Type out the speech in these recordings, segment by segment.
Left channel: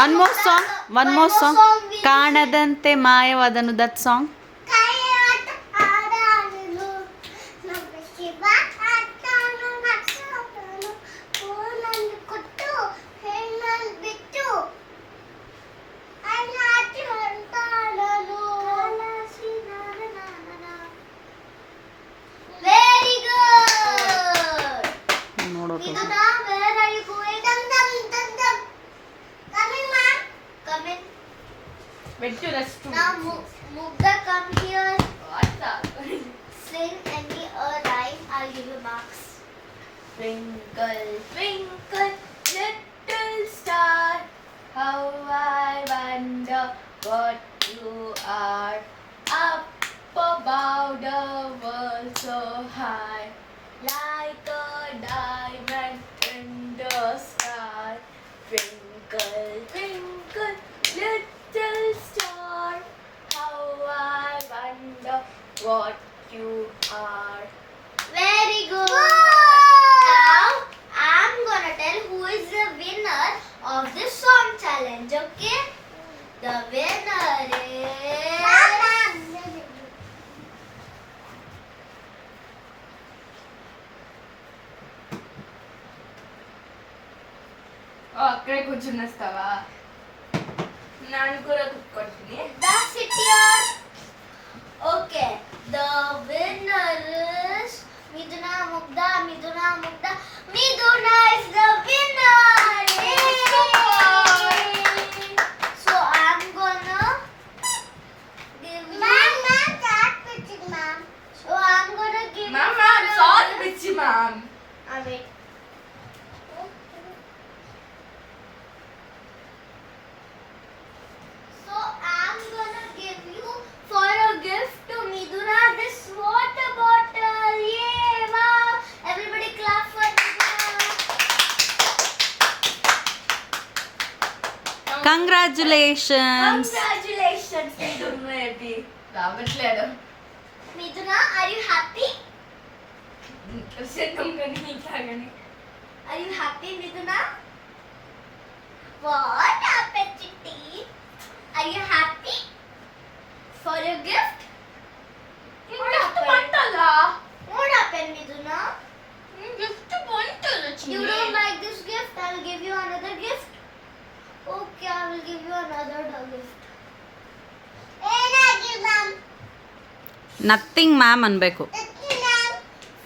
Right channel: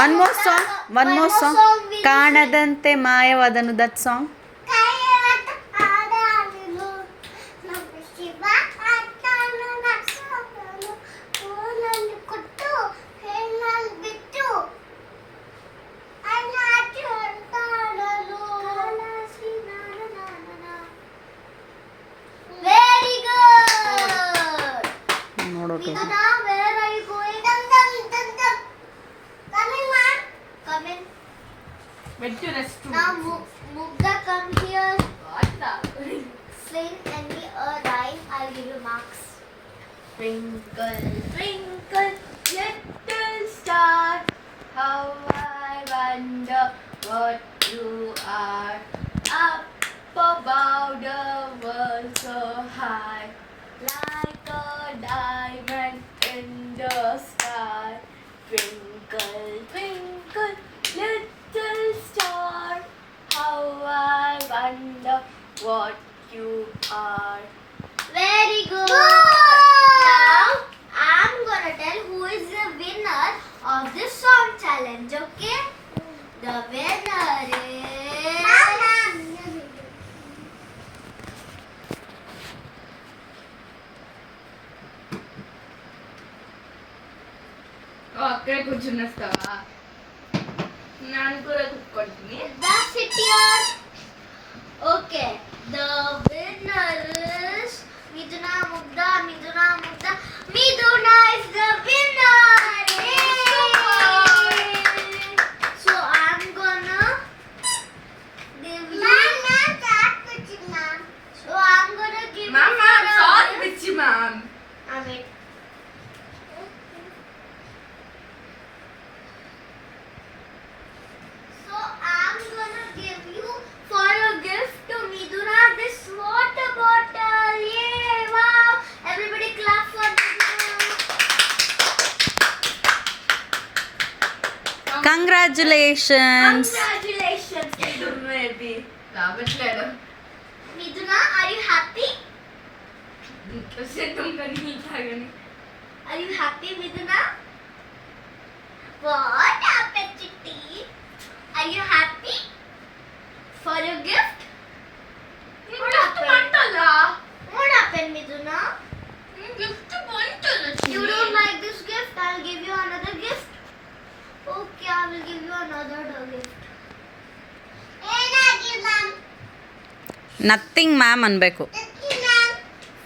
One more song. ಕಾಣದಂತೆ ಮಾಯವಾದನು, that song. ನೋಡೋದು. Now Mugdha, come here. Sing any rhyme. I'll give you marks. Twinkle, twinkle, little star, how I wonder what you are. Up above the world so high, like a diamond in the sky. Twinkle, twinkle, little star, how I wonder what you are. Very good. Now I'm gonna tell who is the winner of this song challenge. Okay? The winner is. అక్కడే కూర్చునేస్తావా? ನಾನು ಕೂಡ ಕೂತ್ಕೊಳ್ತೀನಿ. That's it here. Okay. The winner is Miduna Mugdha. Miduna Mugdha. Miduna is the winner. Yay! So I'm gonna give you. Ma'am, that's pitching, ma'am. So I'm gonna give you. Ma'am, sorry, bitchy ma'am. Wait. So I'm gonna give you for a gift to Miduna this water bottle. Yay! Wow! Everybody clap for Miduna. Congratulations. Congratulations, Miduna. Maybe. రావట్లేదు. Miduna, are you happy? సిద్ధం కానీ తాగని. Are you happy, Miduna? What happened, Chitti? Are you happy for your gift? What happened? What happened, Miduna? Gift బాగుంటుంది. You don't like this gift? I'll give you another gift. Okay, I will give you another gift. Nothing ma'am ಅನ್ಬೇಕು.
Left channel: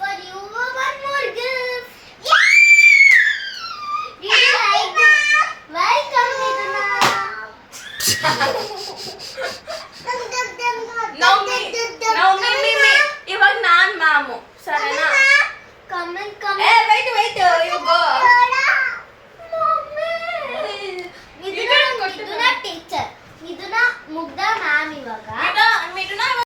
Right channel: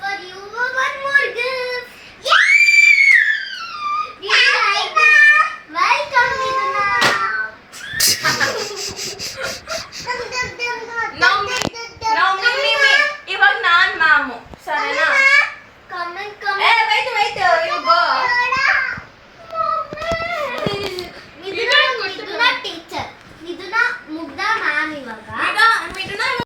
For you, one more gift. Yeah! You like that? Welcome, Miduna.